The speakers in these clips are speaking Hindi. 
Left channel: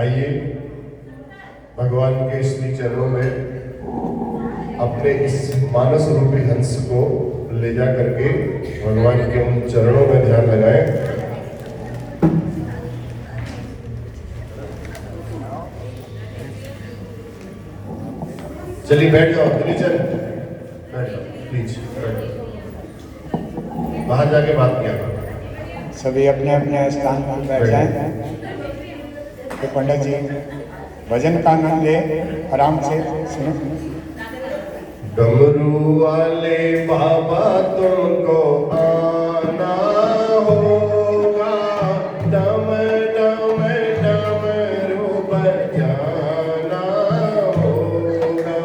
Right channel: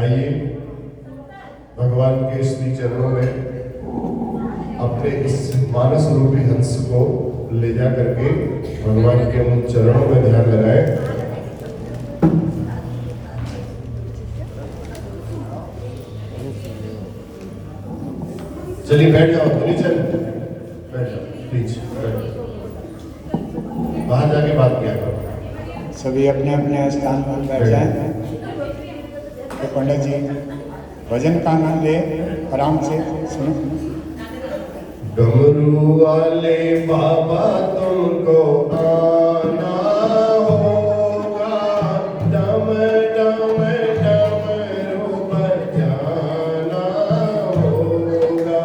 आइए भगवान के श्री चरणों में अपने इस मानस रूपी हंस को ले जा करके भगवान के उन चरणों में ध्यान लगाएं। चलिए बैठ जाओ, चल बैठ जाओ, प्लीज बैठ जाओ। बाहर जाके बात किया करो। सभी अपने अपने स्थान पर बैठ जाएं। तो पंडित जी भजन का नाम ले, आराम से सुनो। डमरू वाले बाबा तुमको आना होगा, डम डम डमरू बजाना होगा।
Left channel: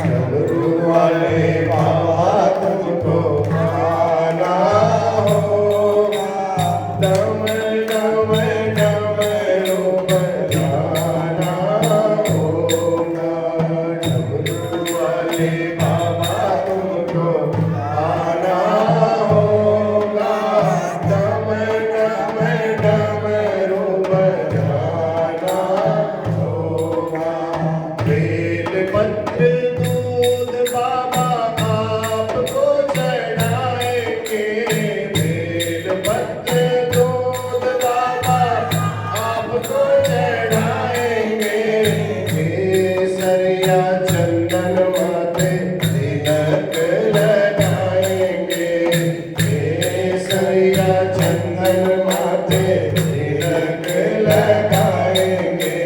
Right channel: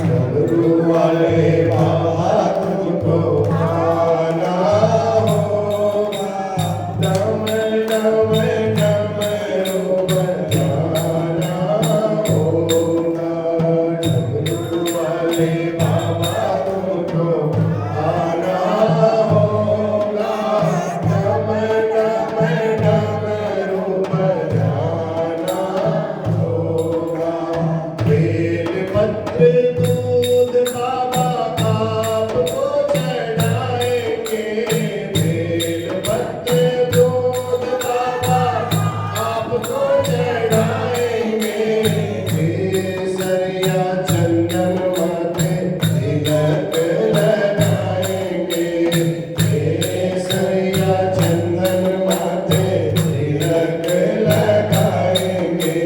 डमरू वाले बाबा तुमको आना होगा, डम डम डमरू बजाना होगा। डमरू वाले बाबा तुमको आना होगा, डम डम डमरू बजाना होगा। बेल पत्र दूध बाबा आपको चढ़ाएंगे, बेल पत्र दूध बाबा आपको चढ़ाएंगे। केसरिया चंदन माथे तिलक लगाएंगे, केसरिया चंदन माथे तिलक लगाएंगे।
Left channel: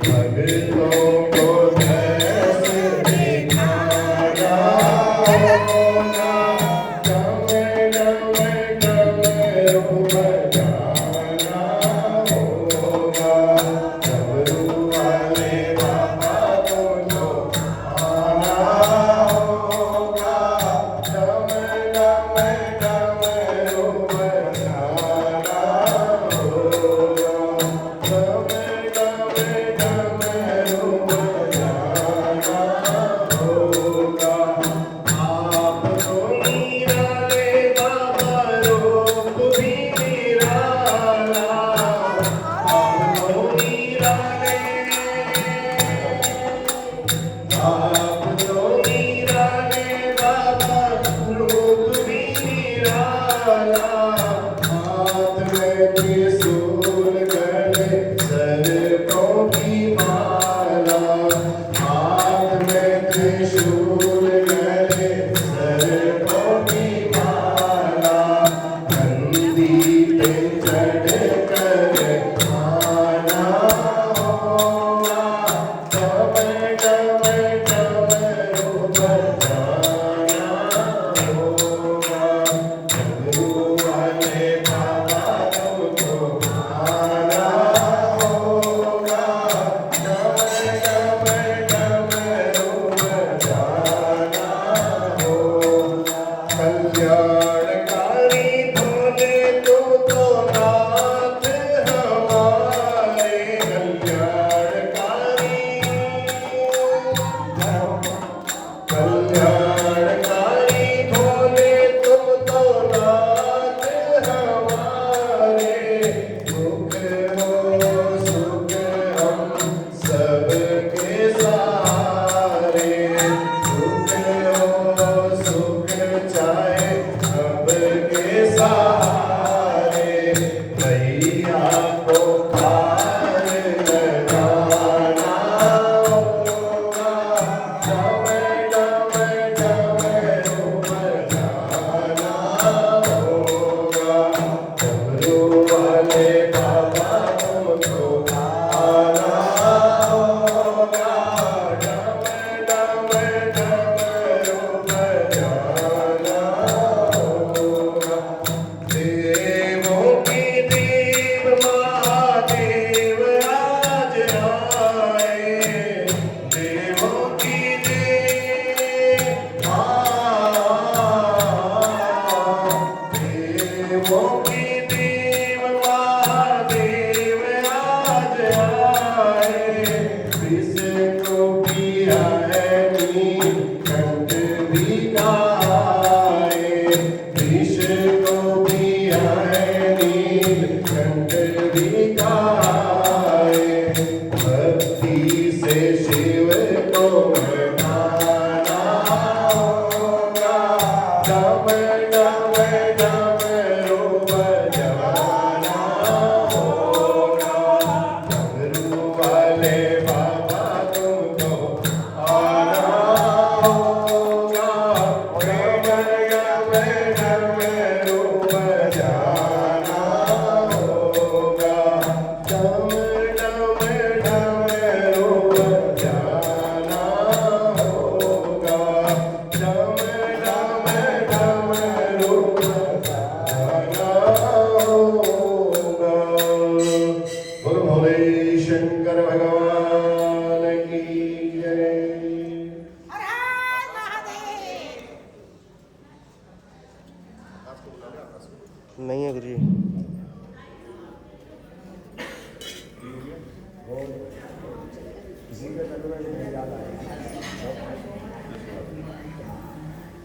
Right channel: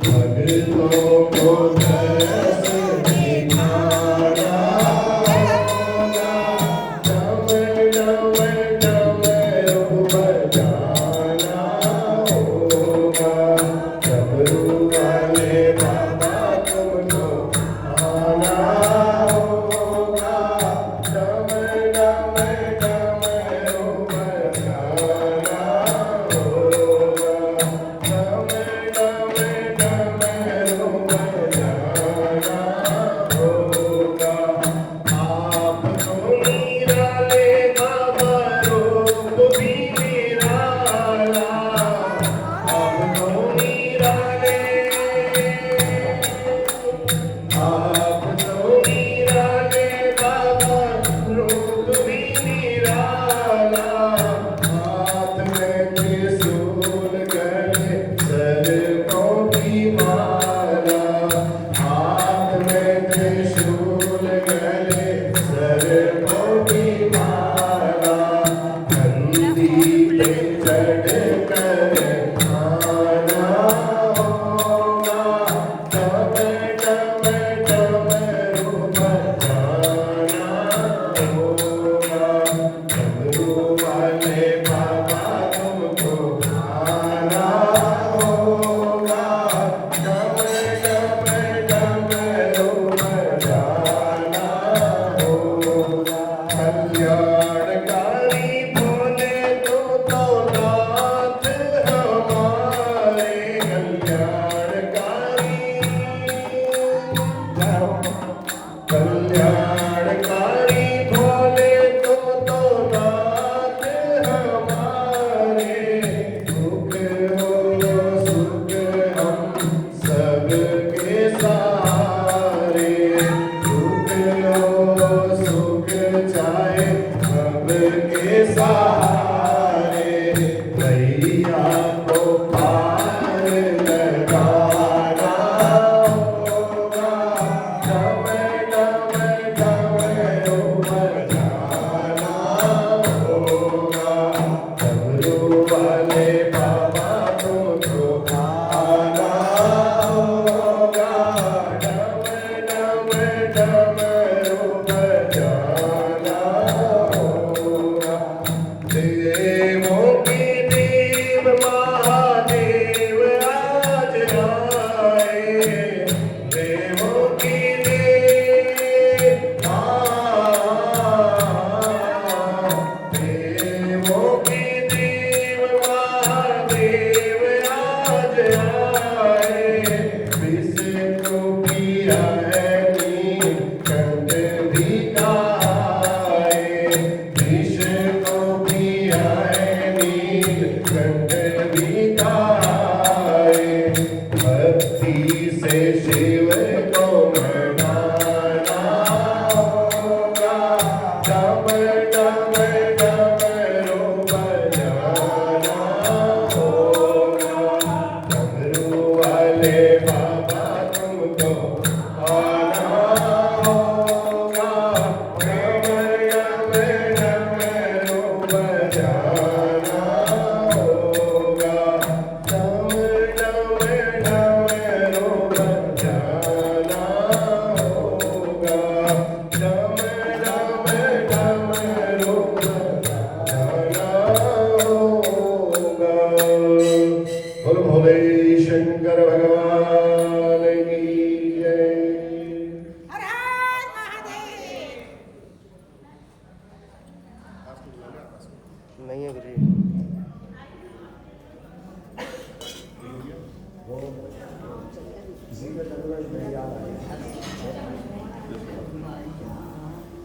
भक्तों को दर्श दिखाना होगा, डम डम डमरू बजाना होगा। डमरू वाले बाबा तुमको आना होगा, डम डम डमरू बजाना होगा। डम डम डमरू बजाना होगा। आपको निराले बाबा रूप भी निराला, आपको निराले, आपको निराले बाबा रूप भी निराला। हाथ में त्रिशूल गले सर्पों की माला, हाथ में त्रिशूल गले सर्पों की माला। नंदी पे चढ़ कर आना होगा, डम डम डमरू बजाना होगा। डमरू वाले बाबा तुमको आना होगा, डम डम डमरू बजाना होगा। कल्याणकारी भोले तुम तो नाथ हमारे, कल्याणकारी कल्याणकारी भोले तुम तो नाथ हमारे। दुख हो सुख हम सबके सहारे, दुख हो सुख चाहे सबके सहारे। भैया को पार लगाना होगा, डम डम डमरू बजाना होगा। डमरू वाले बाबा तुमको आना होगा, डम डम डमरू बजाना होगा। देवों के देव महादेव आज आए, देवों के देव, देवों के देव महादेव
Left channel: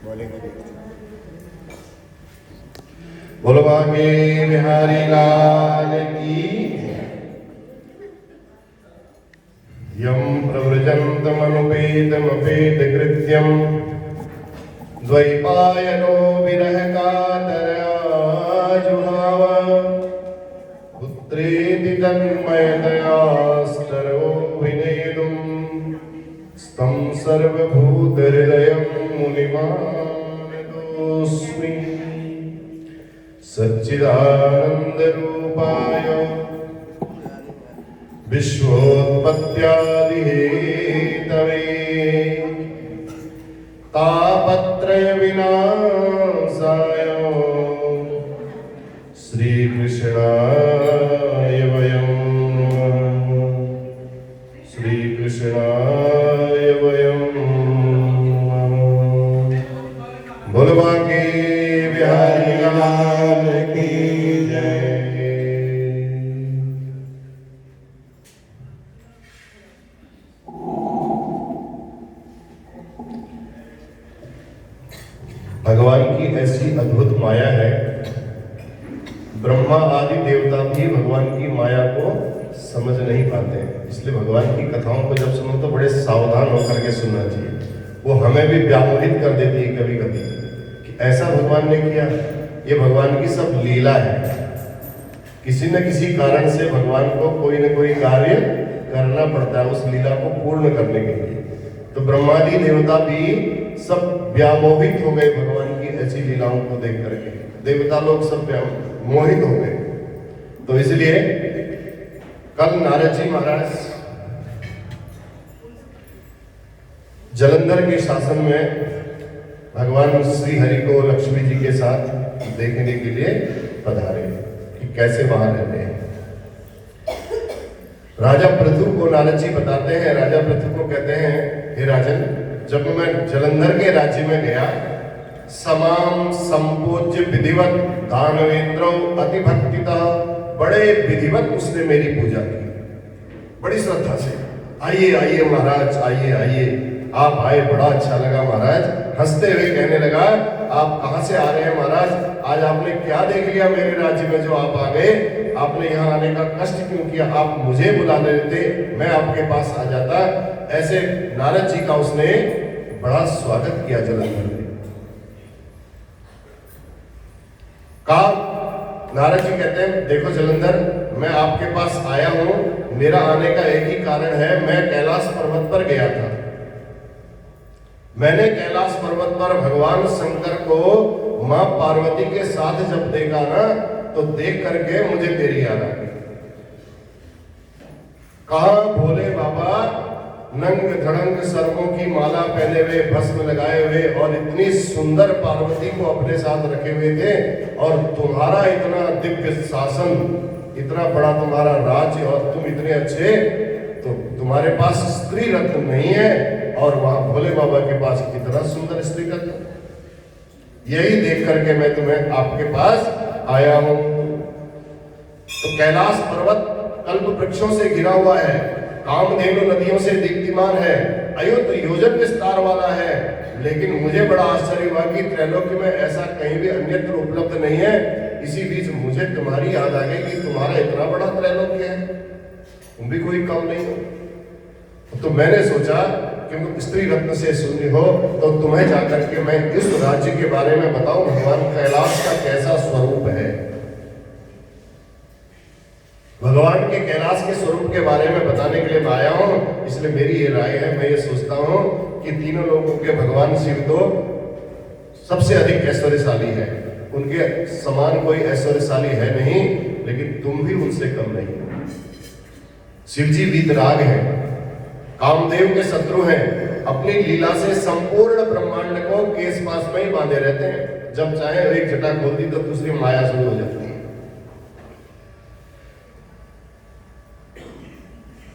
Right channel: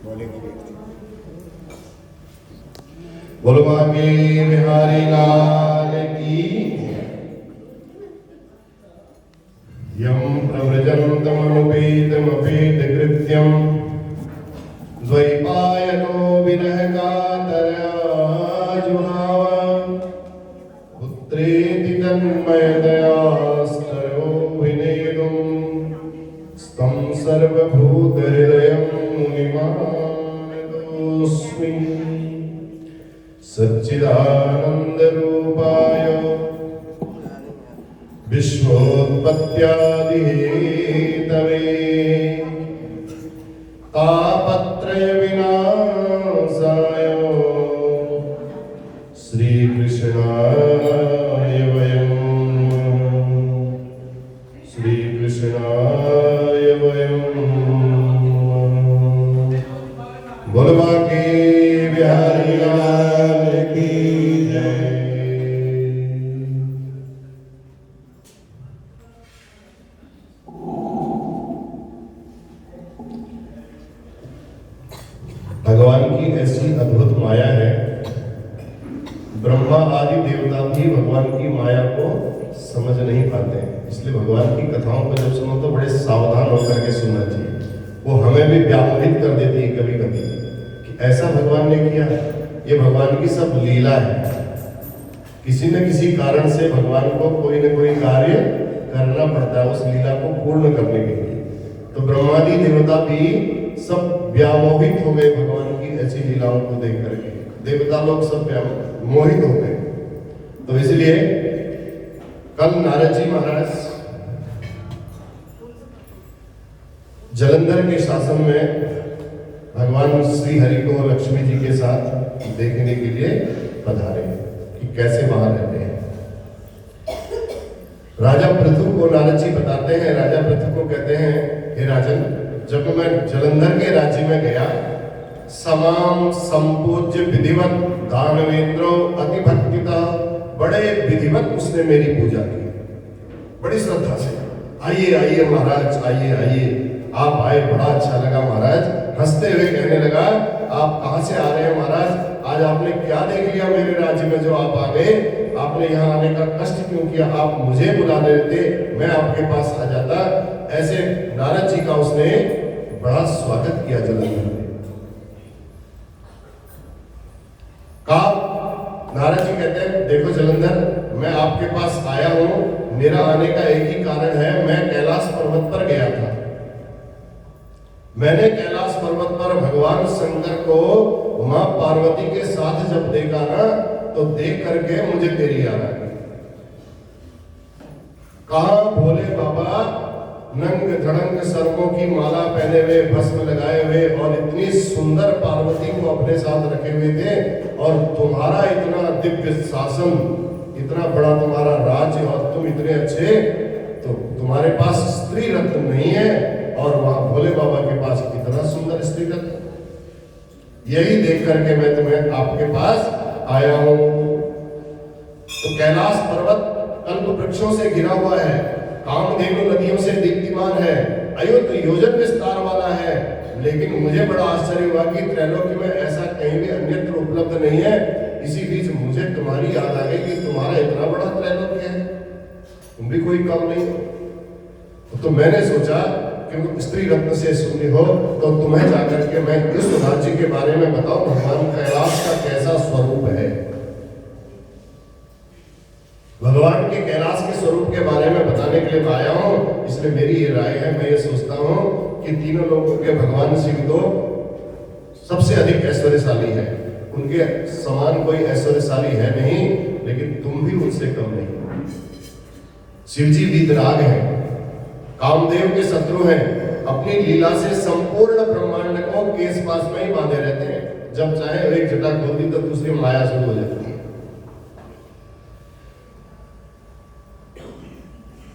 बोलेंगे भी। बोलो आगे बिहारी लाल की। यम प्रव्रजन्तमनुपेतमपेतकृत्यं द्वैपायनो विरह कातरया जुहाव पुत्रेति तन्मयतया स्तरो विनेदुं स्तं सर्वभूतहृदयं मुनिमानतोऽस्मि। सच्चिदानन्दरूपाय विश्वोत्पत्त्यादिहेतवे तापत्रयविनाशाय श्रीकृष्णाय वयं नमः। श्रीकृष्णाय वयं नमः। बोलो बांके बिहारी लाल की जय। भगवान की ऐसी अद्भुत माया है, ब्रह्मा आदि देवता भी भगवान की माया को समझ नहीं पाते हैं। इसलिए भगवान की कथाओं को जब सुनो तो बड़े सावधान होकर के सुनना चाहिए। वो हमें भी व्यामोहित कर देती है कभी कभी कि ऐसा भगवान ने किया। ये भगवान की सब लीला है। किसी न किसी कारण से भगवान को कोई न कोई कार्य करना पड़ता है उस लीला को पूर्ण करने के लिए। तो ब्रह्मादि देवता भी सब व्यामोहित हो गए भगवान की ऐसी लीलाओं को देख करके। देवता लोग सब मोहित हो गए। तो इसलिए कल नारद जी महाराज जलंधर के शासन में भगवान श्री हरि को लक्ष्मी जी के साथ देखने के लिए पधारे कि कैसे वहां रहते हैं। राजा पृथु को नारद जी बताते हैं। राजा पृथु को कहते हैं, हे राजन, जब मैं जलंधर के राज्य में गया, समाम संपूज्य विधिवत दानवेंद्रो अति भक्तिता, बड़े विधिवत उसने मेरी पूजा की, बड़ी श्रद्धा से। आइए आइए महाराज, आइए आइए, आप आए, बड़ा अच्छा लगा महाराज। हंसते हुए कहने लगा, आप कहां से आ रहे हैं महाराज? आज आपने क्या देख लिया मेरे राज्य में जो आप आ गए? आपने यहाँ आने का कष्ट क्यों किया? आप मुझे बुला लेते, मैं आपके पास आ जाता। ऐसे नारद जी का उसने बड़ा स्वागत किया जलंधर में। कहा, नारद जी कहते हैं, देखो जलंधर, मैं आपके पास आया हूं, मेरा आने का एक ही कारण है। मैं कैलाश पर्वत पर गया था। मैंने कैलाश पर्वत पर भगवान शंकर को मां पार्वती के साथ जब देखा ना, तो देख करके मुझे तेरी याद आ गई। कहा, भोले बाबा नंग धड़ंग सर्वों की माला पहने हुए, भस्म लगाए हुए और इतनी सुंदर पार्वती को अपने साथ रखे हुए थे, और तुम्हारा इतना दिव्य शासन, इतना बड़ा तुम्हारा राज्य, और तुम इतने अच्छे, तो तुम्हारे पास स्त्री रत्न नहीं है, और वहां भोले बाबा के पास इतना सुंदर स्त्री रत्न। यही देख करके मैं तुम्हें आपके पास आया हूं। तो कैलाश पर्वत कल्प वृक्षों से घिरा हुआ है, कामधेनु नदियों से दीप्तिमान है, अयुत योजन विस्तार वाला है। लेकिन मुझे बड़ा आश्चर्य हुआ कि त्रैलोक्य में ऐसा कहीं भी अन्यत्र उपलब्ध नहीं है। इसी बीच मुझे तुम्हारी याद आ गई कि तुम्हारा इतना बड़ा त्रैलोक्य है, तुम भी कोई कम नहीं। तो मैंने सोचा कि स्त्री रत्न से सुनी हो तो तुम्हें जाकर के मैं इस राज्य के बारे में बताऊं, भगवान कैलाश का कैसा स्वरूप है। भगवान के कैलाश के स्वरूप के बारे में बताने के लिए मैं आया हूं। इसलिए मेरी ये राय है, मैं ये सोचता हूं कि तीनों लोगों के भगवान शिव तो सबसे अधिक ऐश्वर्यशाली है, उनके समान कोई ऐश्वर्यशाली है नहीं, लेकिन तुम भी उनसे कम नहीं। शिव जी वीतराग हैं, कामदेव के शत्रु हैं, अपनी लीला से संपूर्ण ब्रह्मांड को केस पास में ही बांधे रहते हैं। जब चाहे एक जटा खोल दी तो दूसरी माया शुरू हो जाती है।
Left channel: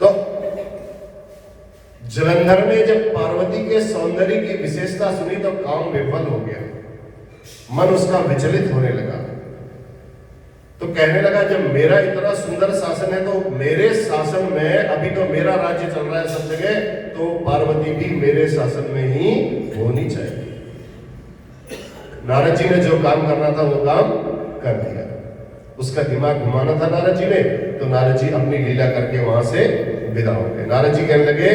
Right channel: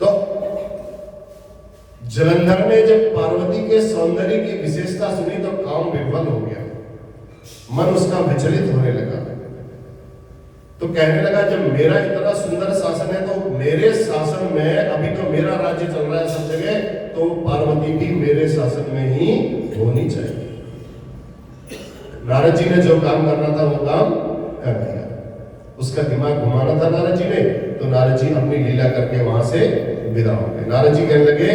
तो जलंधर ने जब पार्वती के सौंदर्य की विशेषता सुनी तो काम विफल हो गया, मन उसका विचलित होने लगा। तो कहने लगा, जब मेरा इतना सुंदर शासन है तो मेरे शासन में, अभी तो मेरा राज्य चल रहा है सब जगह, तो पार्वती भी मेरे शासन में ही होनी चाहिए। नारद जी ने जो काम करना था वो काम कर दिया। उसका दिमाग घुमाना था नारद जी ने, तो नारद जी अपनी लीला करके वहां से विदा हो गए। नारद जी कहने लगे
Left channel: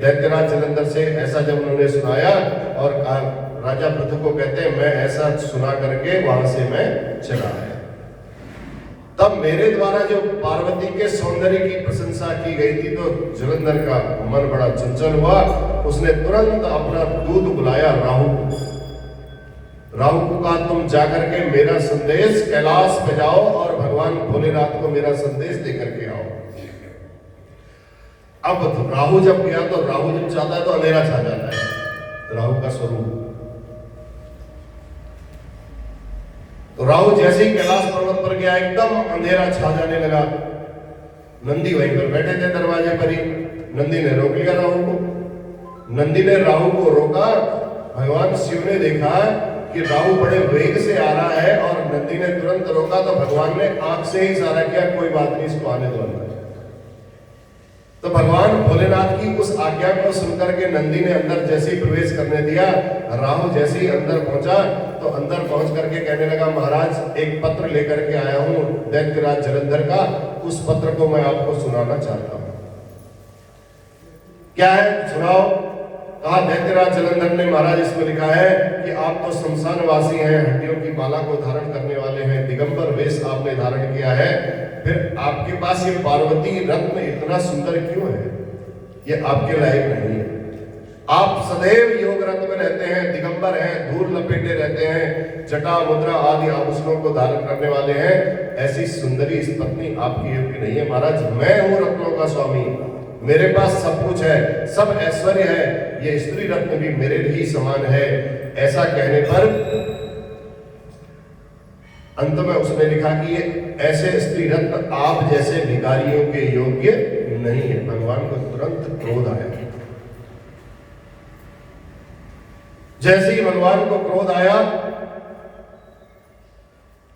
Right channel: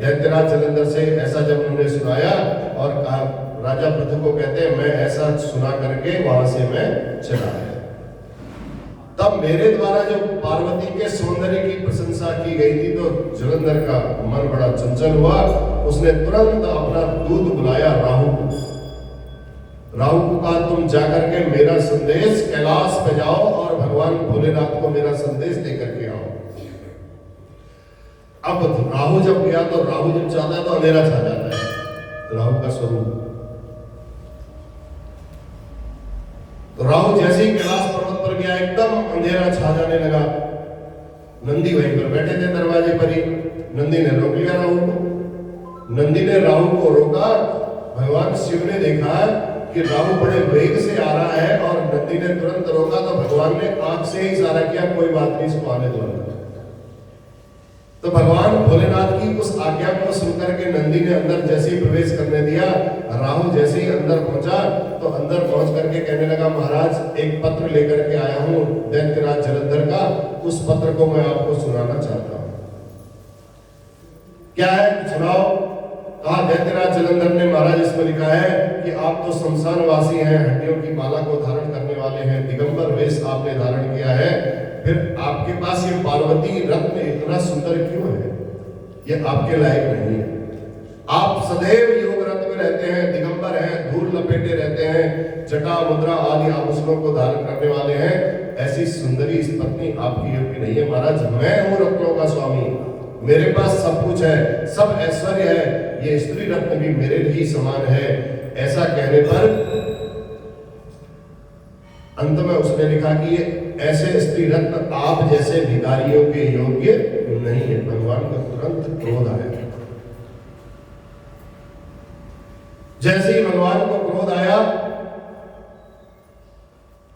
दैत्यराज जलंधर से ऐसा जब उन्होंने सुनाया और कहा, राजा पृथु को कहते हैं मैं ऐसा सुना करके वहां से मैं चला आया। तब मेरे द्वारा जो पार्वती के सौंदर्य की प्रशंसा की गई थी तो जलंधर का मन बड़ा चंचल हुआ। उसने तुरंत अपना दूत बुलाया राहु को। राहु को कहा तुम जाकर के मेरा संदेश कैलाश पे जाओ और भगवान भोलेनाथ को मेरा संदेश देकर के आओ। अब राहु जब गया तो राहु जब चाहता है तो अंधेरा छा जाता है, राहु का स्वरूप। तो राहु जैसे ही कैलाश पर्वत पर गया एकदम अंधेरा छा जाने लगा। नंदी वहीं पर बैठे थे दरवाजे पर ही। नंदी ने रोक लिया राहु को। नंदी ने राहु को रोका। भगवान शिव ने देखा कि राहु बड़े वेग से आ रहा है और नंदी ने तुरंत रोका, तो भगवान ने आंख से ही इशारा किया कोई बात नहीं, इसको आने दो अंदर। तो भगवान भोलेनाथ की उस आज्ञा को सुनकर के नंदी ने अंदर जैसे ही प्रवेश करने दिया, राहु जैसे ही अंदर पहुंचा तो अंदर पहुंच करके कहने लगा महाराज एक पत्र लेकर के आया हूं दैत्यराज जलंधर का, उस पत्र को मैं आपको सुनाना चाहता हूं। क्या है सुनाओ। कहा दैत्यराज जलंधर ने महाराज इसमें लिखा है कि आप तो शमशान वासी हैं, हड्डियों की माला को धारण करने वाले हैं, दिगंबर वेश आपने धारण किया है, फिर आपके पास ये पार्वती रत्न इतना सुंदर क्यों है? ये आपके लायक नहीं है। आप सदैव योग रत्न में रहते हैं, दिगंबर हैं, धूल लपेटे रहते हैं, जटा मुद्रा आदि आभूषणों को धारण करने वाले हैं, ऐसी सुंदरी इस पत्नी आपकी योग्य नहीं है। महाराज मैं हूं रत्नों का स्वामी, मेरे पास सब कुछ है, सब ऐश्वर्य है, ये स्त्री रत्न भी मेरे ही समान है। ऐसा कहने पर अंत में उसने लिखा कि ये ऐसे स्त्री रत्न आप जैसे भिखारियों के योग्य नहीं है। भगवान को तुरंत क्रोध आया। जैसे ही भगवान को क्रोध आया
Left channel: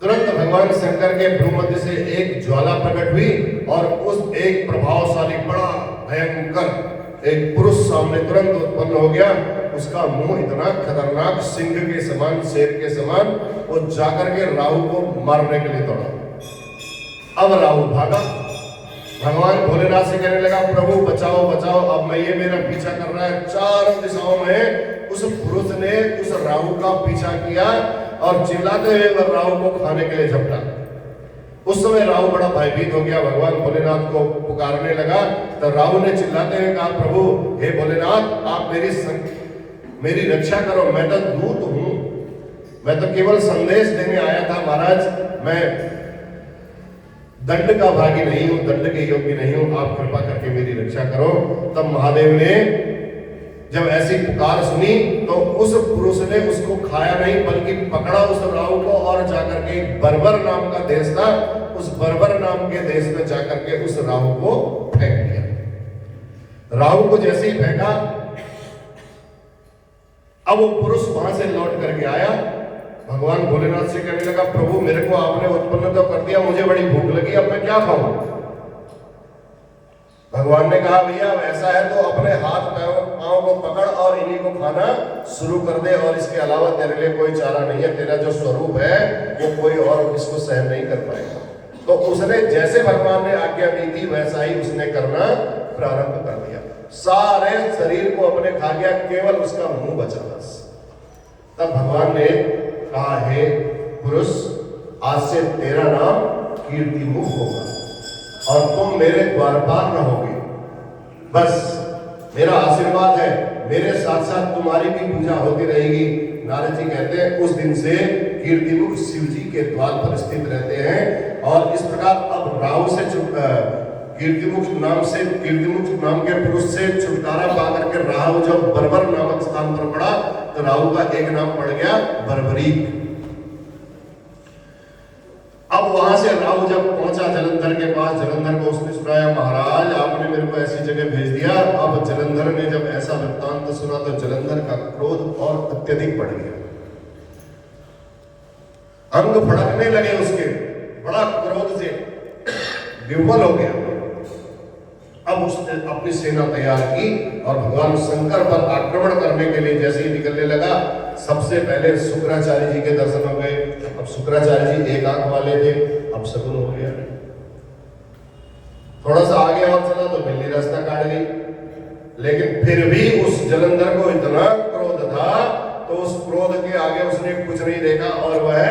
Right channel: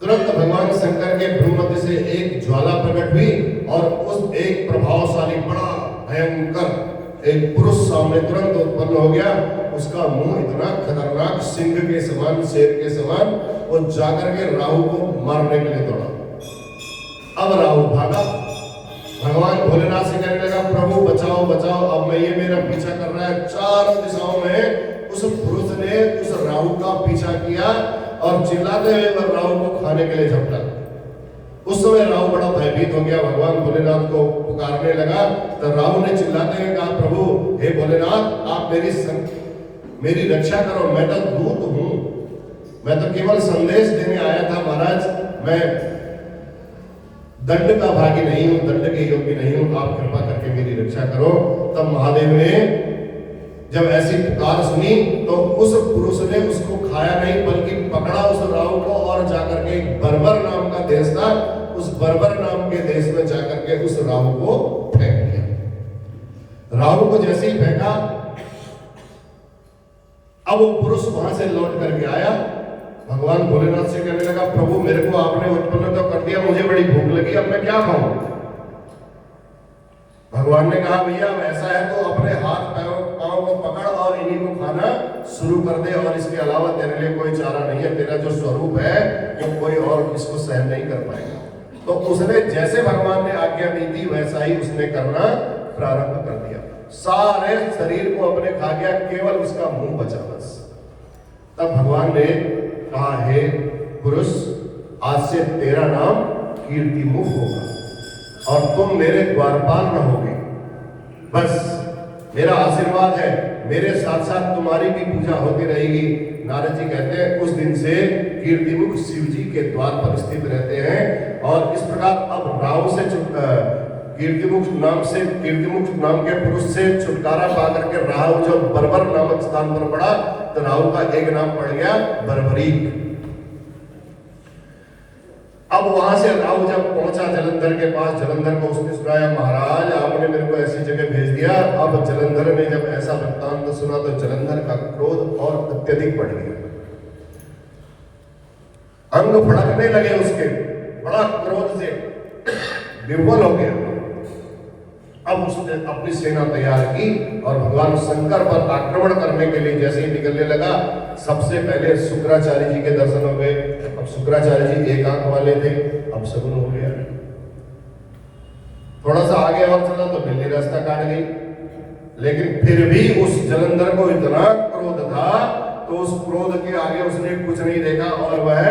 तुरंत भगवान शंकर के भ्रूमध्य से एक ज्वाला प्रकट हुई और उस एक प्रभावशाली बड़ा भयंकर एक पुरुष सामने तुरंत उत्पन्न हो गया। उसका मुंह इतना खतरनाक सिंह के समान, शेर के समान, वो जाकर के राहु को मारने के लिए दौड़ा। अब राहु भागा। भगवान भोलेनाथ से कहने लगा प्रभु बचाओ बचाओ, अब मैं ये मेरा पीछा कर रहा है। चारों दिशाओं में उस पुरुष ने उस राहु का पीछा किया और चिल्लाते हुए राहु को खाने के लिए झपटा। उस समय राहु बड़ा भयभीत हो गया, भगवान भोलेनाथ को पुकारने लगा। तो राहु ने चिल्लाते हुए कहा प्रभु हे भोलेनाथ आप मेरी रक्षा करो, मैं तो दूत हूं, मैं तो केवल संदेश देने आया था महाराज, मैं दंड का भागी नहीं हूं, दंड के योग्य नहीं हूं, आप कृपा करके मेरी रक्षा करो। तब महादेव ने जब ऐसी पुकार सुनी तो उस पुरुष ने उसको खाया नहीं बल्कि पकड़ा उस राहु को और जाकर के बर्बर नाम का देश था, उस बर्बर नाम के देश में जाकर के उस राहु को फेंक दिया। राहु को जैसे ही फेंका अब वो पुरुष वहां से लौट करके आया। भगवान भोलेनाथ से कहने लगा प्रभु मेरे को आपने उत्पन्न तो कर दिया, मुझे बड़ी भूख लगी, अब मैं क्या खाऊं? भगवान ने कहा भैया अब ऐसा है तो अपने हाथ पांव को पकड़ और इन्हीं को खाना शुरू कर दे, और इसके अलावा तेरे लिए कोई चारा नहीं है, तेरा जो स्वरूप है वो कोई और इसको सहन नहीं कर पाएगा। तो उसने जैसे भगवान ने आज्ञा दी थी वैसा ही उसने करना प्रारंभ कर दिया। सारे शरीर को अपने खा गया, केवल उसका मुंह बचा बस। तब भगवान ने कहा हे पुरुष आज से तेरा नाम कीर्तिमुख होगा और तुम मेरे द्वारपाल रहोगे। बस मेरा आशीर्वाद है, मेरे साथ साथ तुम्हारी भी पूजा होती रहेगी। नारद जी कहते हैं उस दिन से कीर्तिमुख शिव जी के द्वार पर स्थित रहते हैं। और इस प्रकार अब राहु से कीर्तिमुख नाम के पुरुष से छुटकारा पा करके राहु जब बर्बर नामक स्थान पर पड़ा तो राहु का एक नाम पड़ गया बर्बरीक। अब वहां से राहु जब पहुंचा जलंधर के पास, जलंधर को उसने सुनाया महाराज आपने मेरे को ऐसी जगह भेज दिया। अब जलंधर ने जब ऐसा वृत्तांत सुना तो जलंधर का क्रोध और अत्यधिक बढ़ गया, अंग फड़कने लगे उसके, बड़ा क्रोध से विफल हो गया। अब उसने अपनी सेना तैयार की और भगवान शंकर पर आक्रमण करने के लिए जैसे ही निकलने लगा, सबसे पहले शुक्राचार्य जी के दर्शन हो गए। अब शुक्राचार्य जी एक आंख वाले थे, अब शकुन हो गया। थोड़ा सा आगे और चला तो बिल्ली रास्ता काट गई, लेकिन फिर भी उस जलंधर को इतना क्रोध था तो उस क्रोध के आगे उसने कुछ नहीं देखा और वह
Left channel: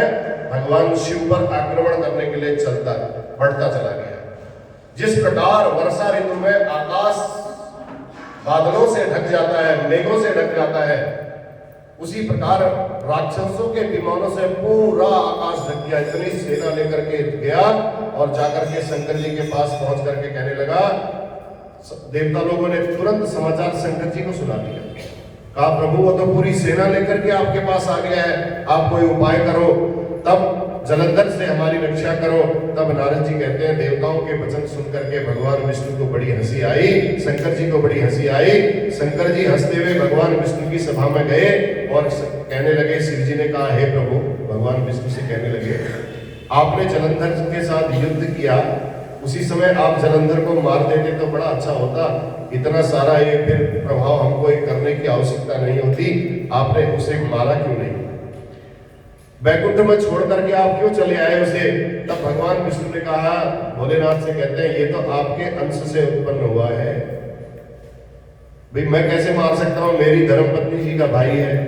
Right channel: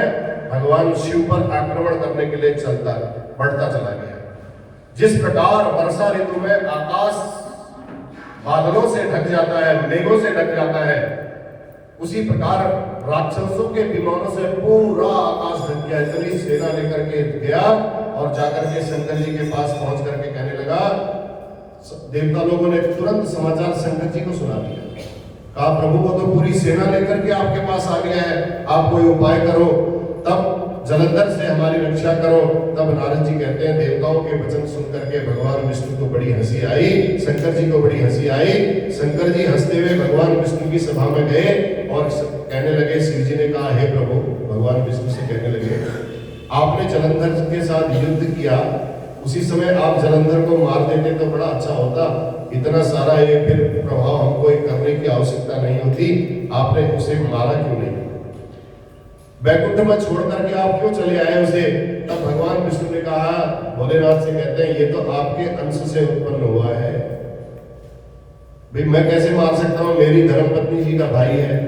भगवान शिव पर आक्रमण करने के लिए बढ़ता चला गया। जिस प्रकार वर्षा ऋतु में आकाश बादलों से ढक जाता है, मेघों से ढक जाता है, उसी प्रकार राक्षसों के विमानों से पूरा आकाश ढक गया। इतनी सेना लेकर के गया और जाकर के शंकर जी के पास पहुंच करके कहने लगा, देवता लोगों ने तुरंत समाचार शंकर जी को सुना दिया। कहा प्रभु वो तो पूरी सेना लेकर के आपके पास आ गया है, आप कोई उपाय करो, तब जलंधर से हमारी रक्षा करो। तब नारद जी कहते हैं देवताओं के वचन सुन करके भगवान विष्णु को बड़ी हंसी आई, शंकर जी को बड़ी हंसी आई। शंकर जी हंसते हुए भगवान विष्णु की सभा में गए और कहने लगे, शिव जी ने कहा हे प्रभु, भगवान विष्णु से कहने लगे आपने जलंधर के साथ युद्ध किया, उसी समय आप जलंधर को मार देते तो बड़ा अच्छा होता। इतना सारा ये फिर प्रभाव हमको करने की आवश्यकता नहीं होती, आपने उसे मारा क्यों नहीं? वैकुंठ में छोड़ करके आप क्यों चले आए उसे? तब भगवान विष्णु ने कहा, भोलेनाथ से कहते हैं ये तो आपके अंश से उत्पन्न हुआ है, भाई मैं कैसे मार सकता हूं, मेरी धर्मपत्नी जी का भाई है,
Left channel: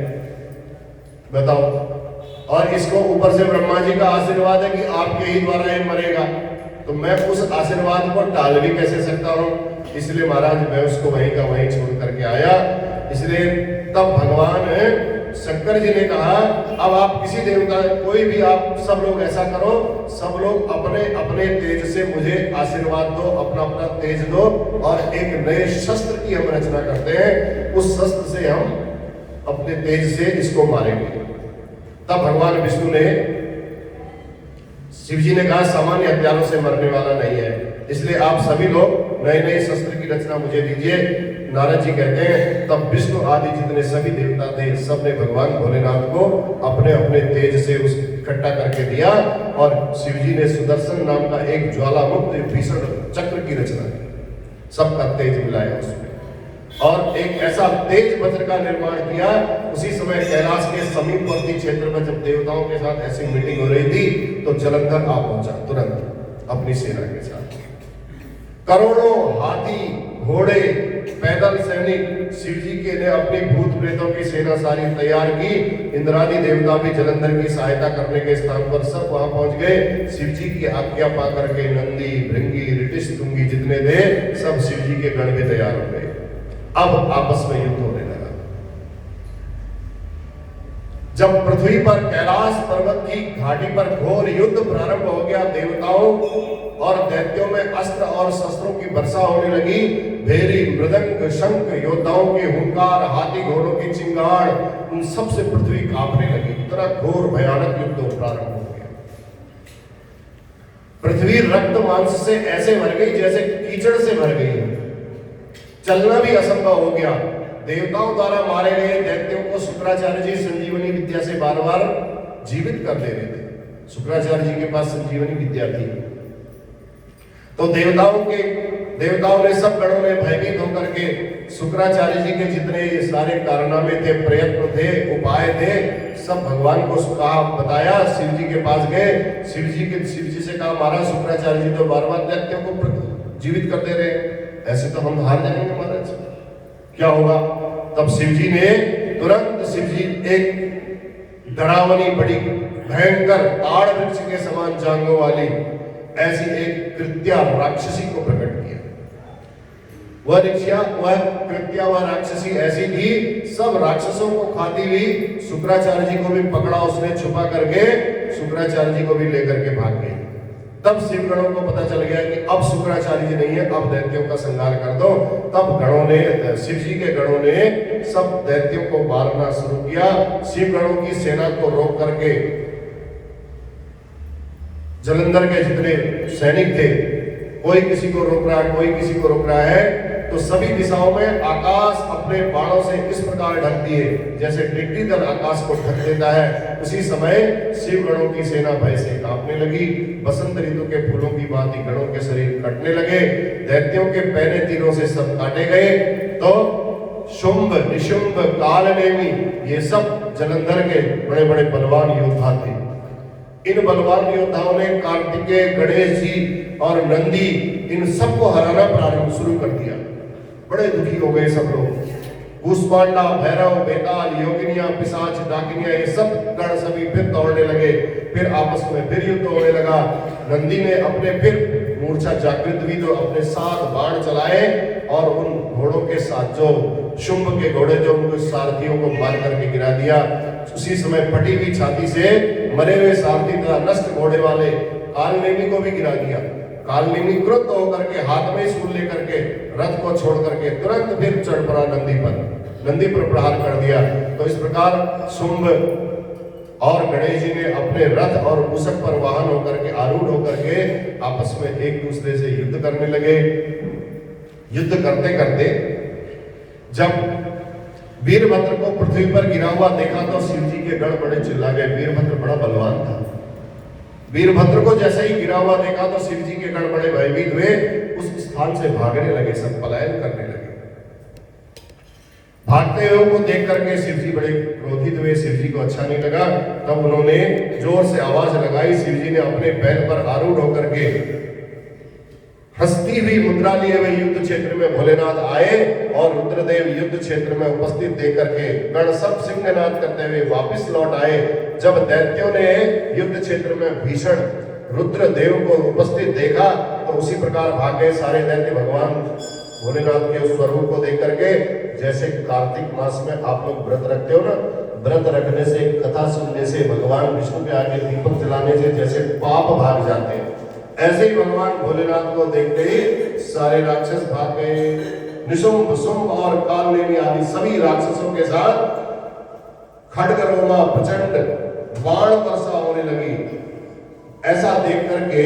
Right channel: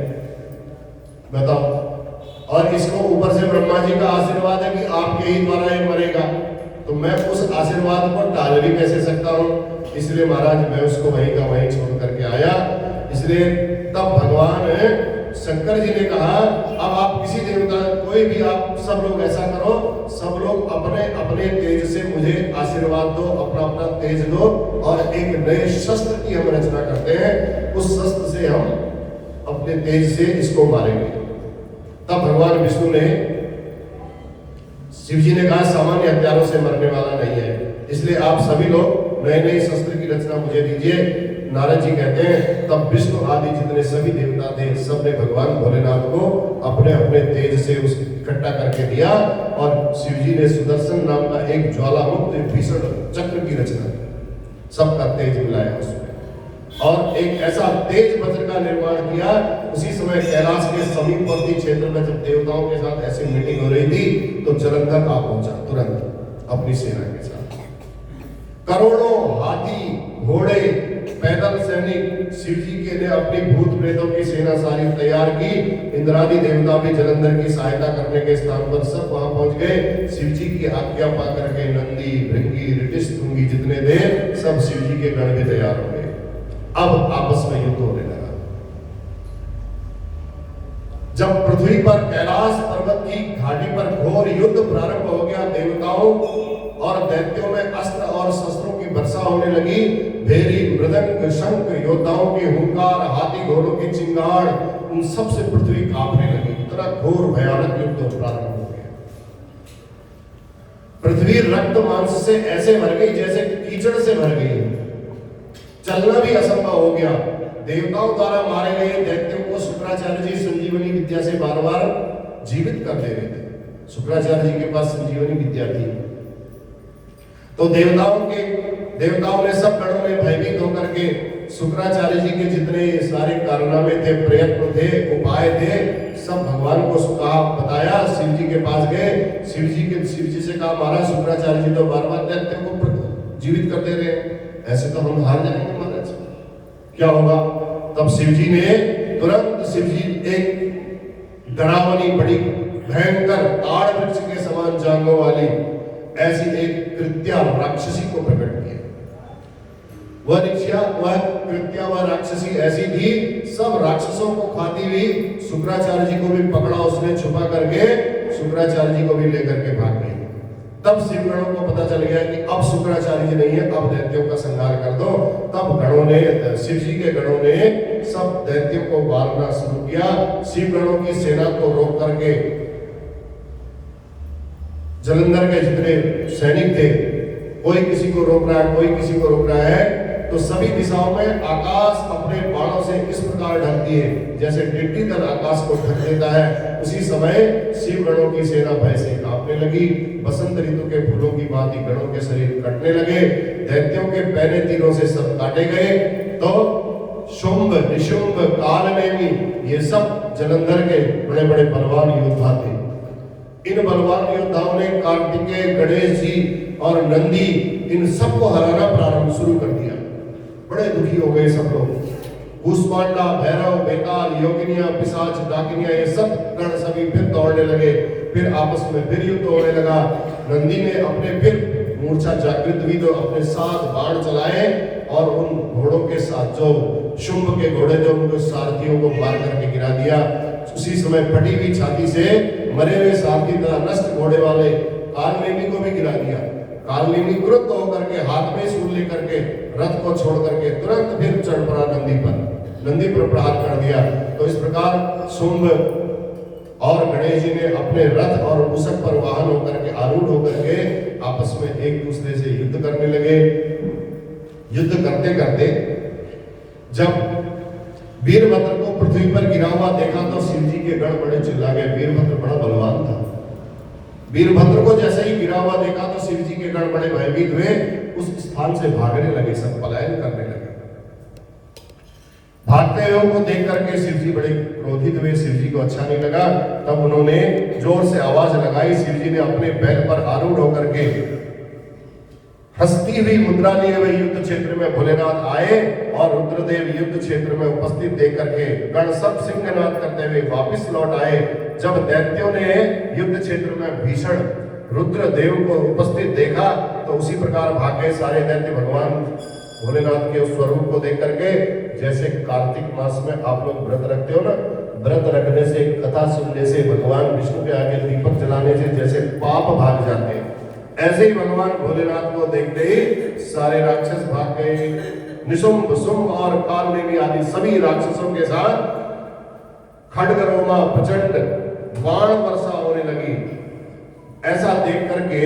बताओ। और इसको ऊपर से ब्रह्मा जी का आशीर्वाद है कि आपके ही द्वारा ये मरेगा, तो मैं उस आशीर्वाद को टाल भी कैसे सकता हूं? इसलिए महाराज मैं उसको वहीं का वहीं छोड़ करके आया। इसलिए तब भगवान शंकर जी ने कहा अब आप किसी देवता, कोई भी आप सब लोग ऐसा करो, सब लोग अपने अपने तेज से मुझे आशीर्वाद दो, अपना अपना तेज दो और एक नए शस्त्र की हम रचना करते हैं, उस शस्त्र से हम अपने तेज से इसको मारेंगे। तब भगवान विष्णु ने, शिव जी ने कहा सामान्य हथियारों से मरने वाला नहीं है, इसलिए आप सभी लोग नए नए शस्त्र की रचना मुझे दीजिए। नारद जी कहते हैं तब विष्णु आदि जितने सभी देवता थे सबने भगवान भोलेनाथ को अपने अपने तेज से उस इकट्ठा करके दिया और शिव जी ने सुदर्शन नाम का एक ज्वालामुक्त भीषण चक्र की रचना की, सबका तेज मिलाया उसमें और एक ऐसा तेज वज्र का निर्माण किया। उसी समय कैलाश के समीपवर्ती क्षेत्र में जब देवताओं के साथ ऐसी मीटिंग हो रही थी तो जलंधर आ पहुंचा तुरंत अपनी सेना के साथ। करोड़ों हाथी घोड़े पैदल सैनिक शिव जी के ने अपनी भूत प्रेतों की सेना सारी तैयार की। इंद्रादि देवता भी जलंधर की सहायता करने के स्थान पर सब वहां पहुंच गए। शिव जी की आज्ञा पाकर के नंदी भृंगी रिटिश तुंगी जितने थे सब शिव जी के गण भी तैयार हो गए। अब आपस में युद्ध होने लगा। जब पृथ्वी पर कैलाश पर्वत की घाटी पर घोर युद्ध प्रारंभ हो गया, देवताओं और दैत्यों में अस्त्र और शस्त्रों की वर्षा होने लगी। भेरी मृदंग शंख योद्धाओं के हुंकार हाथी घोड़ों की चिंगाड़ उन सब से पृथ्वी कांपने लगी। इतना घोर भयानक युद्ध प्रारंभ हो गया। पृथ्वी रक्त मांस से ऐसे भर गई जैसे कीचड़ से भर गई, चलना भी असंभव हो गया। देवताओं द्वारा मारे गए दैत्यों को शुक्राचार्य जी संजीवनी विद्या से बार बार जीवित कर दे रहे थे। शुक्राचार्य जी के पास संजीवनी विद्या थी। तो देवताओं ने सब गणों ने भयभीत होकर के शुक्राचार्य जी के जितने सारे कारनामे थे, प्रयत्न थे, उपाय थे, सब भगवान को कहा बताया। शिव जी के पास गए, शिव जी से कहा महाराज शुक्राचार्य जी तो बार बार दैत्यों को जीवित करते रहे, ऐसे तो हम हार जाएंगे महाराज, क्या होगा? तब शिव जी ने तुरंत एक डरावनी बड़ी भयंकर ताड़ वृक्ष के समान जांघों वाली ऐसी एक कृत्या राक्षसी को प्रकट किया। वह कृत्या वह राक्षसी ऐसी थी, सब राक्षसों को खाती हुई शुक्राचार्य जी को भी पकड़ा उसने छुपा करके, शुक्राचार्य जी को भी लेकर के भाग गई। तब शिवगणों को पता चल गया कि अब शुक्राचार्य जी नहीं है, अब दैत्यों का संहार कर दो। तब गणों ने, शिव जी के गणों ने सब दैत्यों को मारना शुरू किया। शिव गणों की सेना को रोक करके जलंधर के जितने सैनिक थे, कोई किसी को रोक रहा है, कोई किसी को रोक रहा है, तो सभी दिशाओं में आकाश अपने बाणों से इस प्रकार ढकती है जैसे टिड्डी दल आकाश को ढक देता है। उसी समय शिव गणों की सेना भय से कांपने लगी। बसंत ऋतु के फूलों की भांति गणों के शरीर कटने लगे। दैत्यों के पहले तीरों से सब काटे गए। तो शुंभ, निशुंभ, कालनेमी, ये सब जालंधर के बड़े बड़े बलवान योद्धा थे। इन बलवान योद्धाओं ने कार्तिकेय, गणेश जी और नंदी, इन सबको हराना प्रारंभ शुरू कर दिया। बड़े दुखी हो गए सब लोग। कूष्मांडा, भैरव, बेताल, योगिनियां, पिशाच, डाकिनियां, ये सब गण सभी फिर दौड़ने लगे। फिर आपस में फिर युद्ध होने लगा। नंदी ने अपने फिर मूर्छा जागृत हुई तो अपने 7 बाण चलाए और उन घोड़ों के साथ जो शुंभ के घोड़े जो उनको सारथियों को मार करके गिरा दिया। उसी समय फटी हुई छाती से मरे हुए सारथी तथा नष्ट घोड़े वाले कालनेमी को भी गिरा दिया। कालनेमी क्रुद्ध होकर के हाथ में सूल लेकर के रथ को छोड़ करके तुरंत फिर चढ़ पड़ा नंदी पर प्रहार कर दिया। तो इस प्रकार शुंभ और गणेश जी ने अपने रथ और मूषक पर वाहन होकर के आरूढ़ होकर के आपस में एक दूसरे से युद्ध करने लगे। युद्ध करते करते जब वीरभद्र को पृथ्वी पर गिरा हुआ देखा तो शिव जी के गण बड़े चिल्ला गए। वीरभद्र बड़ा बलवान था। वीरभद्र को जैसे ही गिरा हुआ देखा तो शिव जी के गण बड़े भयभीत हुए, उस स्थान से भागने लगे, सब पलायन करने लगे। भागते हुए को देख करके शिव जी बड़े क्रोधित हुए। शिव जी को अच्छा नहीं लगा। तब उन्होंने जोर से आवाज लगाई। शिव जी ने अपने बैल पर आरूढ़ होकर के हंसती हुई मुद्रा लिए हुए युद्ध क्षेत्र में भोलेनाथ आए और रुद्रदेव युद्ध क्षेत्र में उपस्थित देख करके गण सब सिंहनाद करते हुए वापस लौट आए। जब दैत्यों ने युद्ध क्षेत्र में भीषण रुद्रदेव को उपस्थित देखा तो उसी प्रकार भागे सारे दैत्य भगवान भोलेनाथ के उस स्वरूप को देख करके। जैसे कार्तिक मास में आप लोग व्रत रखते हो ना, व्रत रखने से, कथा सुनने से, भगवान विष्णु के आगे दीपक जलाने से जैसे पाप भाग जाते हैं, ऐसे ही भगवान भोलेनाथ को देखते ही सारे राक्षस भाग गए। निशुंभ, शुंभ और कालनेमी आदि सभी राक्षसों के साथ खड्गरोमा प्रचंड बाण वर्षा होने लगी। ऐसा देख करके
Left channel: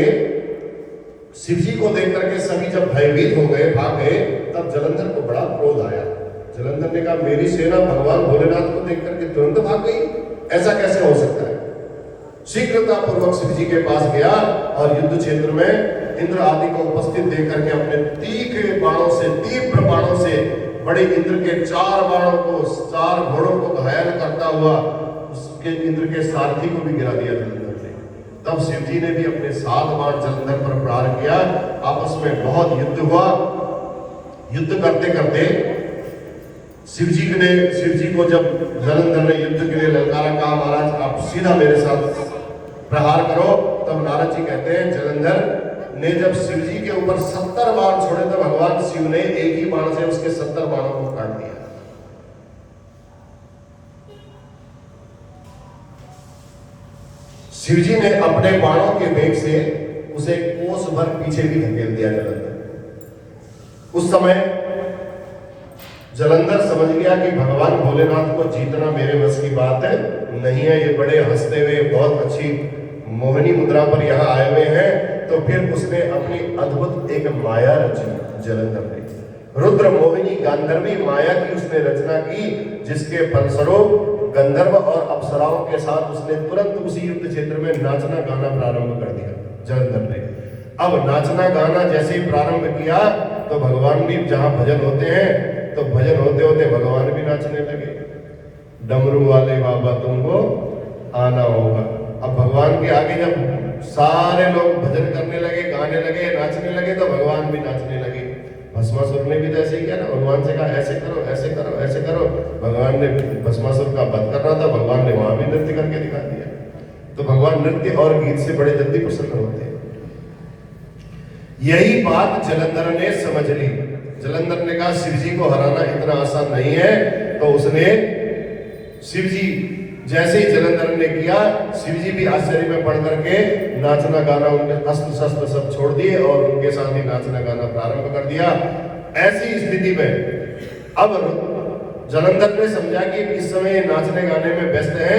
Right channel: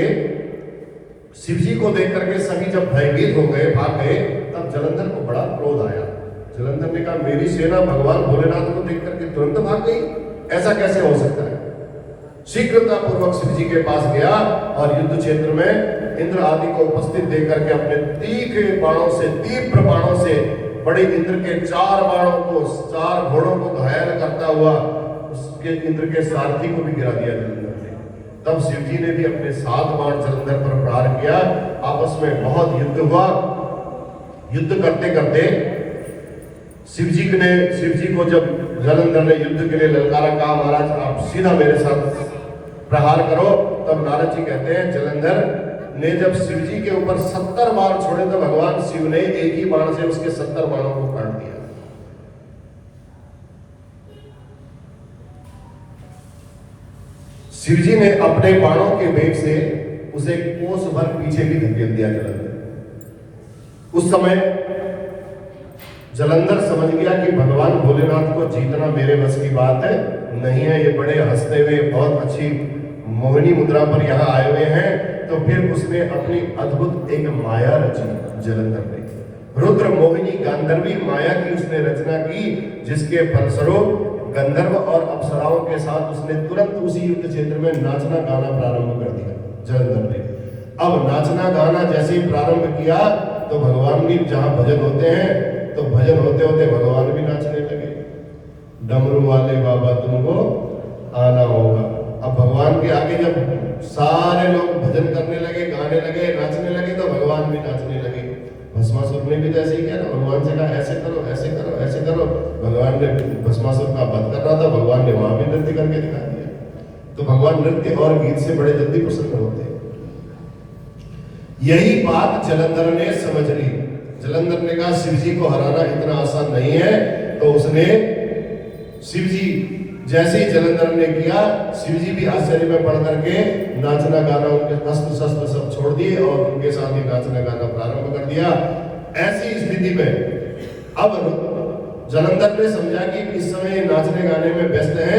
शिव जी को देख करके सभी जब भयभीत हो गए, भाग गए, तब जालंधर को बड़ा क्रोध आया। जालंधर ने कहा मेरी सेना भगवान भोलेनाथ को देख करके तुरंत भाग गई, ऐसा कैसे हो सकता है। शीघ्रता पूर्वक शिव जी के पास गया और युद्ध क्षेत्र में इंद्र आदि को उपस्थित देख करके अपने तीखे बाणों से, तीव्र बाणों से बड़े इंद्र के 4 बाणों को, 4 घोड़ों को घायल करता हुआ उसके इंद्र के सारथी को भी गिरा दिया जालंधर ने। तब शिव जी ने भी अपने 7 बाण जालंधर पर प्रहार किया। आपस में बहुत युद्ध हुआ। युद्ध करते करते शिव जी को जब जालंधर ने युद्ध के लिए ललकारा, कहा महाराज आप सीधा मेरे साथ प्रहार करो। तब नारद जी कहते हैं जालंधर ने जब शिव जी के ऊपर 70 बाण छोड़े तो भगवान शिव ने एक ही बाण से उसके 70 बाणों को काट दिया। शिव जी ने अपने बाणों के वेग से उसे कोस भर पीछे भी धकेल दिया जालंधर। उस समय जालंधर समझ गया कि भगवान भोलेनाथ को जीतना मेरे बस की बात है नहीं है। ये बड़े हंसते हुए बहुत अच्छी मोहिनी मुद्रा पर यहाँ आए हुए हैं। तो फिर उसने अपनी अद्भुत एक माया रची। जालंधर ने रुद्र मोहिनी गांधर्वी माया की उसने रचना की, जिसके फलस्वरूप गंधर्व और अप्सराओं के साथ उसने तुरंत उसी युद्ध क्षेत्र में नाचना गाना प्रारंभ कर दिया जालंधर ने। अब नाचना गाना जैसे ही प्रारंभ किया तो भगवान भी, जहां भजन होते हैं तो भजन होते होते भगवान भी नाचने लगे। डमरू वाले बाबा तुमको आना होगा। अब भगवान के आगे जब सारे लोग भजन करने लगे, गाने लगे, नाचने लगे तो भगवान भी नाचने लगे। भस्मासुर ने भी तो ऐसे ही किया ना, भगवान से कहा ऐसे करो, ऐसे करो, ऐसे करो। भगवान ने भस्मासुर का वध करना था, भगवान ने वहां भी नृत्य करके दिखा दिया। तो भगवान नृत्य और गीत से बड़े जल्दी प्रसन्न होते हैं। यही बात जालंधर ने समझ ली। जालंधर ने कहा शिव जी को हराना इतना आसान नहीं है। तो उसने शिव जी जैसे ही जालंधर ने किया, शिव जी भी आश्चर्य में पड़ करके नाचना गाना, उनके अस्त्र शस्त्र सब छोड़ दिए और उनके साथ ही नाचना गाना प्रारंभ कर दिया। ऐसी स्थिति में अब जालंधर ने समझा कि इस समय नाचने गाने में व्यस्त है,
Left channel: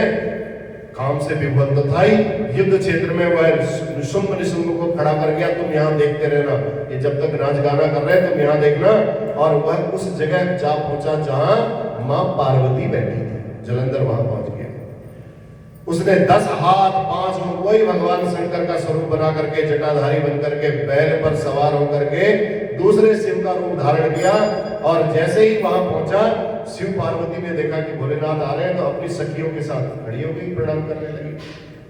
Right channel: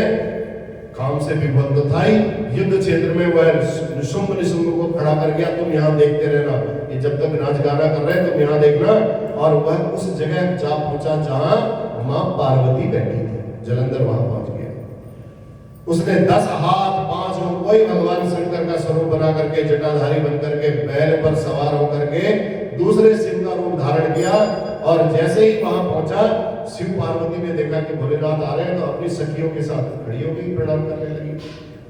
काम से विफल तो था ही। युद्ध क्षेत्र में वह शुंभ निशुंभ को खड़ा कर गया, तुम यहाँ देखते रहना, ये जब तक नाच गाना कर रहे हैं तुम यहाँ देखना। और वह उस जगह जा पहुंचा जहां मां पार्वती बैठी थी। जालंधर वहां पहुंच गया। उसने 10 हाथ 5 मुख, वही भगवान शंकर का स्वरूप बना करके, जटाधारी बनकर के, बैल पर सवार होकर के दूसरे शिव का रूप धारण किया। और जैसे ही वहां पहुंचा शिव पार्वती ने देखा कि भोलेनाथ आ रहे हैं, तो अपनी सखियों के साथ खड़ी हो गई, प्रणाम करने लगी।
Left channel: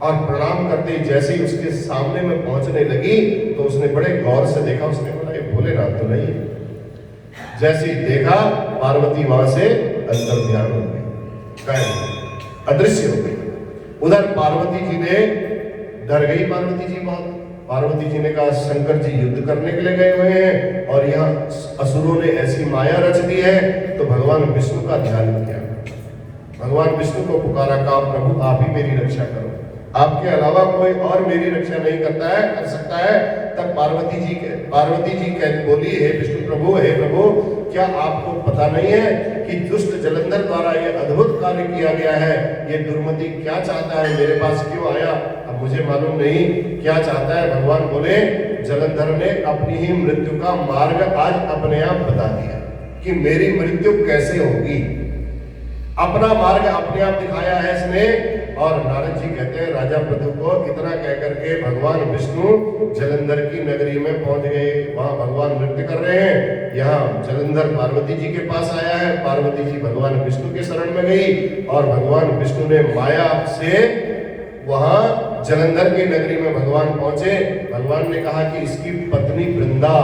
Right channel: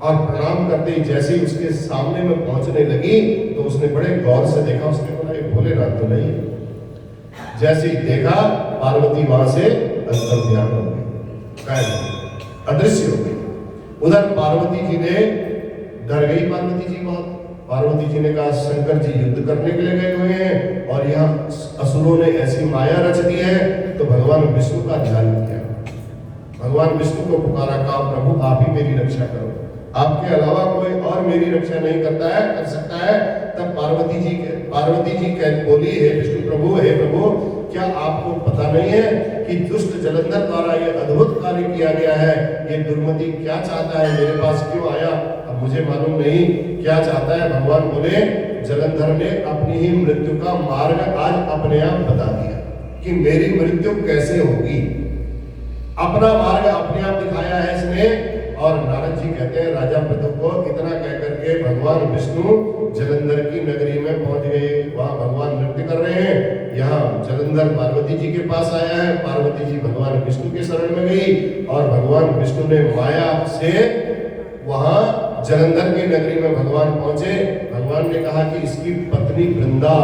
और प्रणाम करते ही जैसे ही उसके सामने में पहुंचने लगी तो उसने बड़े गौर से देखा, उसने बोला ये भोलेनाथ तो नहीं है। जैसे ही देखा पार्वती वहां से अंतर ध्यान हो गई, गायब, अदृश्य हो गई। उधर पार्वती जी ने डर गई, पार्वती जी बहुत। पार्वती जी ने कहा शंकर जी युद्ध करने के लिए गए हुए हैं और यहाँ असुरों ने ऐसी माया रच दी है। तो भगवान विष्णु का ध्यान किया, भगवान विष्णु को पुकारा, कहा प्रभु आप ही मेरी रक्षा करो, आपके अलावा कोई और मेरी रक्षा नहीं करता है, कर सकता है। तब पार्वती जी बोली, हे विष्णु प्रभु, हे प्रभु, क्या आपको पता नहीं है कि दुष्ट जलंधर द्वारा ये अद्भुत कार्य किया गया है? ये दुर्मति क्या चाहता है, मेरे पास क्यों आया? अब मुझे मालूम नहीं क्या चाहता है। भगवान बोले, जलंधर ने अपनी ही मृत्यु का मार्ग आज अपने आप बता दिया कि मेरी मृत्यु कैसे होगी। अपना मार्ग अपने आप दिखाया है इसने। और नारद जी कहते हैं राजा पृथु को इतना कह करके भगवान विष्णु जलंधर की नगरी में पहुंच गए। वहां भगवान नृत्य कर रहे हैं, यहाँ जलंधर पार्वती जी के पास आया है। पार्वती जी भगवान विष्णु के शरण में गई और भगवान विष्णु ने माया से वहां जलंधर की नगरी में भगवान पहुंचे। भगवान ने कहा कि इसकी पत्नी वृंदा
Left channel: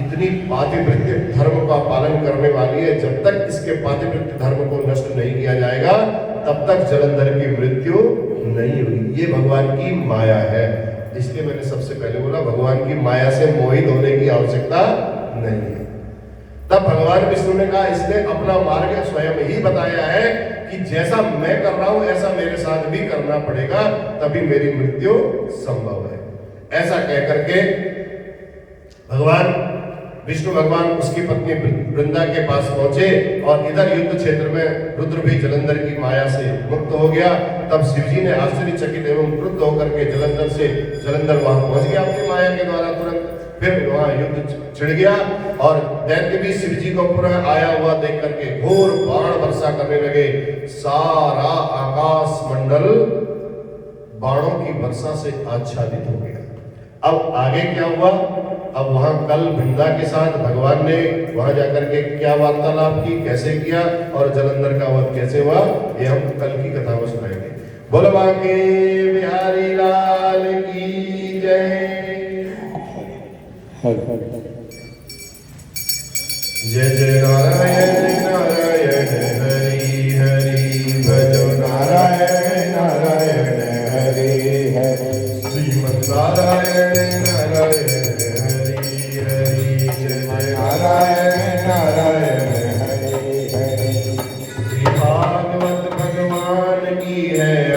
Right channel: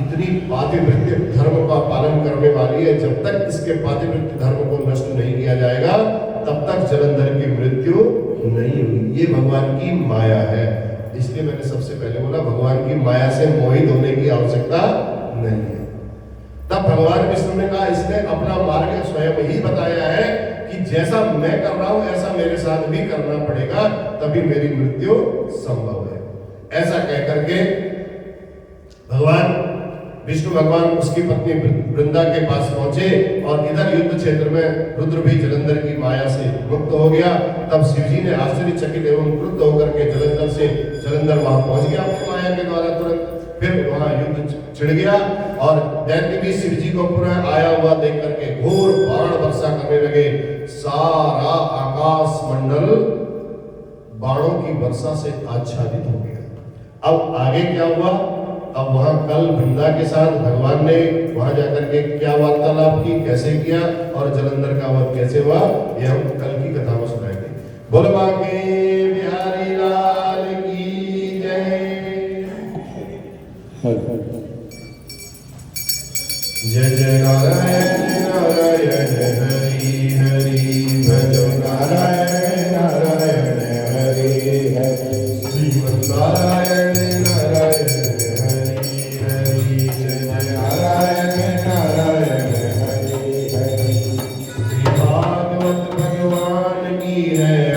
इतनी पातिव्रत्य धर्म का पालन करने वाली है, जब तक इसके पातिव्रत्य धर्म को नष्ट नहीं किया जाएगा तब तक जलंधर की मृत्यु नहीं हुई। ये भगवान की माया है। इसलिए मैंने सबसे पहले बोला भगवान की माया से मोहित होने की आवश्यकता नहीं है। तब भगवान विष्णु ने कहा इसने अपना मार्ग स्वयं ही बताया है कि जैसा मैं कर रहा हूं ऐसा मेरे साथ भी करना पड़ेगा, तभी मेरी मृत्यु संभव है। ऐसा कह करके भगवान विष्णु भगवान उसकी पत्नी वृंदा के पास पहुंचे और इधर युद्ध क्षेत्र में रुद्र भी जलंधर की माया से मुक्त हो गया। तब शिवजी ने आश्चर्यचकित एवं क्रुद्ध होकर के जलंधर वहां पहुंच गया अपनी माया के द्वारा तुरंत। फिर वहां युद्ध छिड़ गया और दैत्य भी शिवजी को पुनः आया हुआ देख करके घोर बाण वर्षा करने लगे। सारा आकाश मंडल बाणों की वर्षा से आच्छादित हो गया। अब आगे क्या हुआ? अब वहां कल वृंदा के साथ भगवान ने वहां जाकर के क्या वार्तालाप की, कैसे किया और जलंधर का वध कैसे हुआ, ये हम कल की कथा में सुनाएंगे। बोलो बांके बिहारी लाल की जय। जय जय नारायण नारायण हरि हरि भजो नारायण नारायण हरि हरि श्रीमन नारायण नारायण Hare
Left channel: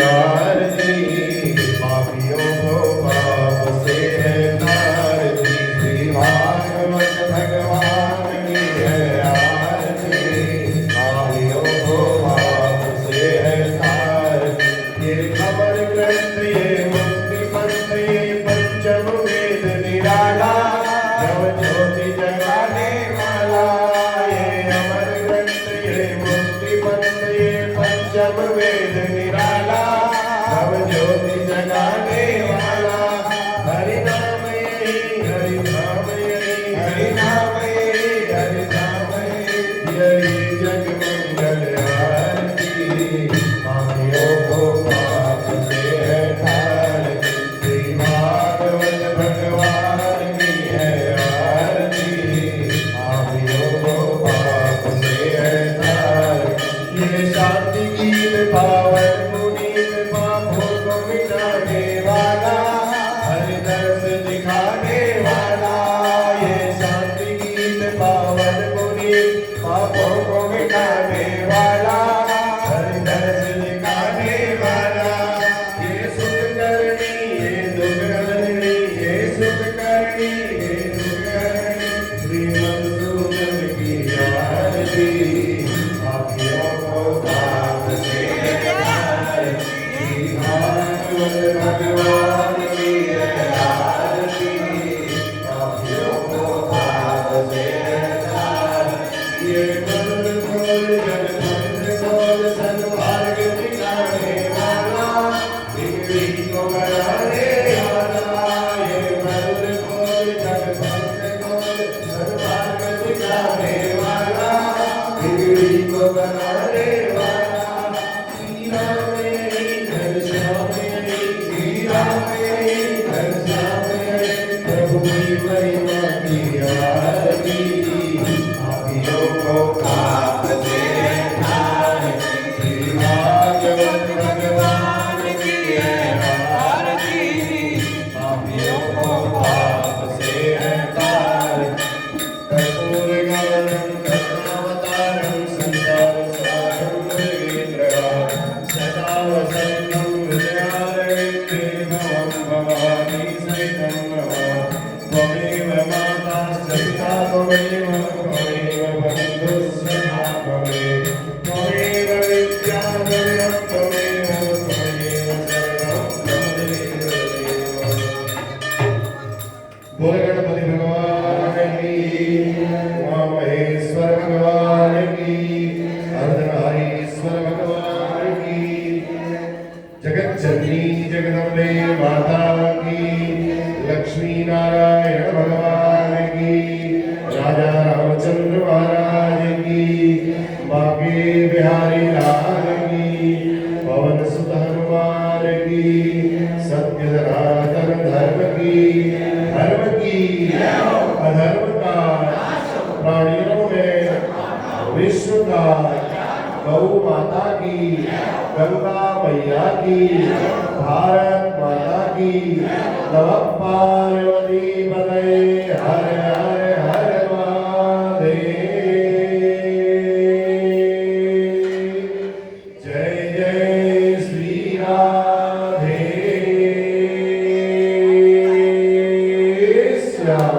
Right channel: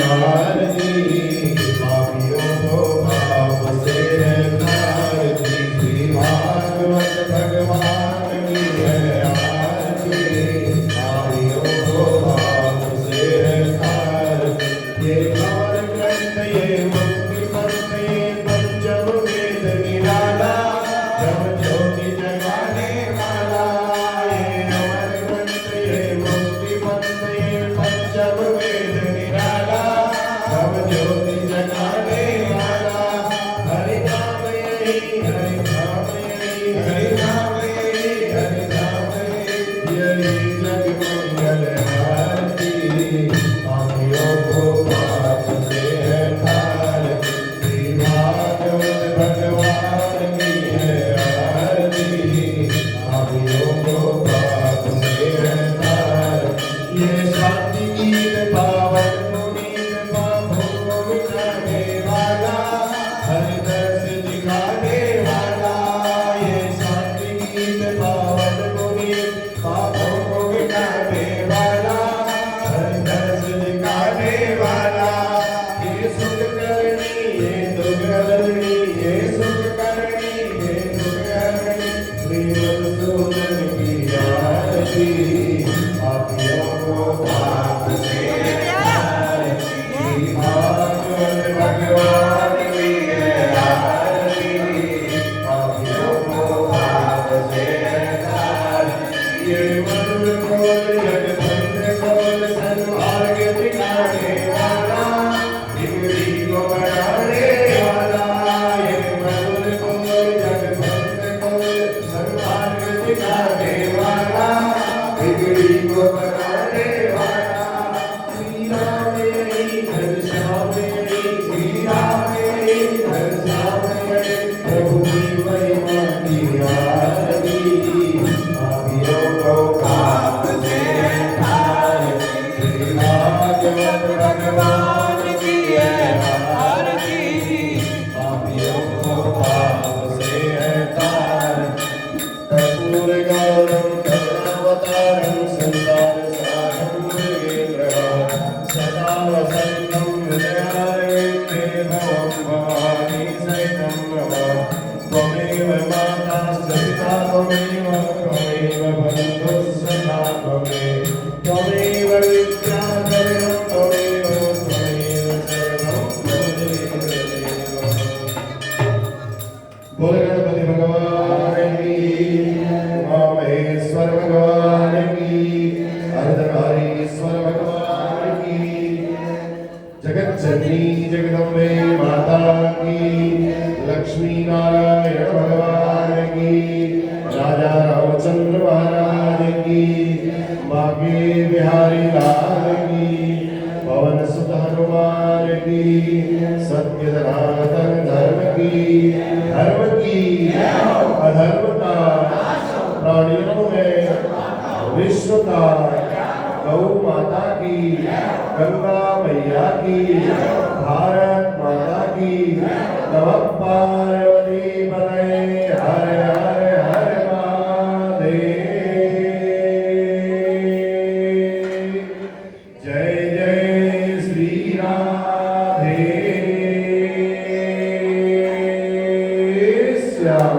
करने वाला श्री राम यही घनश्याम यही श्री राम यही घनश्याम यही प्रभु की महिमा की आरती भाग्यों को पाप से तारे श्री भागवत भगवान की है आरती पापियों को पाप से है तारे कर्पूर गौरम कृष्णावतारम संसार सारम मृगेन्द्रः सदा वसन्तं हृदयारविन्दे भवं भवानी सहितं नमः त्वमेव माताश्च पिता त्वमेव बन्धुश्च त्वमेव त्वमेव विद्या त्वमेव बोल गणपति भगवान की उमा महेश्वर भगवान की अर्धनारीश्वर भगवान की जगत जननी जगदम्बे माता की लक्ष्मी नारायण भगवान की राजा रामचंद्र महाराज की बांके बिहारी लाल की पवन सुत हनुमान की सत्य सनातन धर्म की अधर्म का प्राणियों में विश्व का गौ माता की गंगा मैया की भारत माता की नमः पार्वती पतये हर हर हर महादेव जय जय श्री राधे श्याम।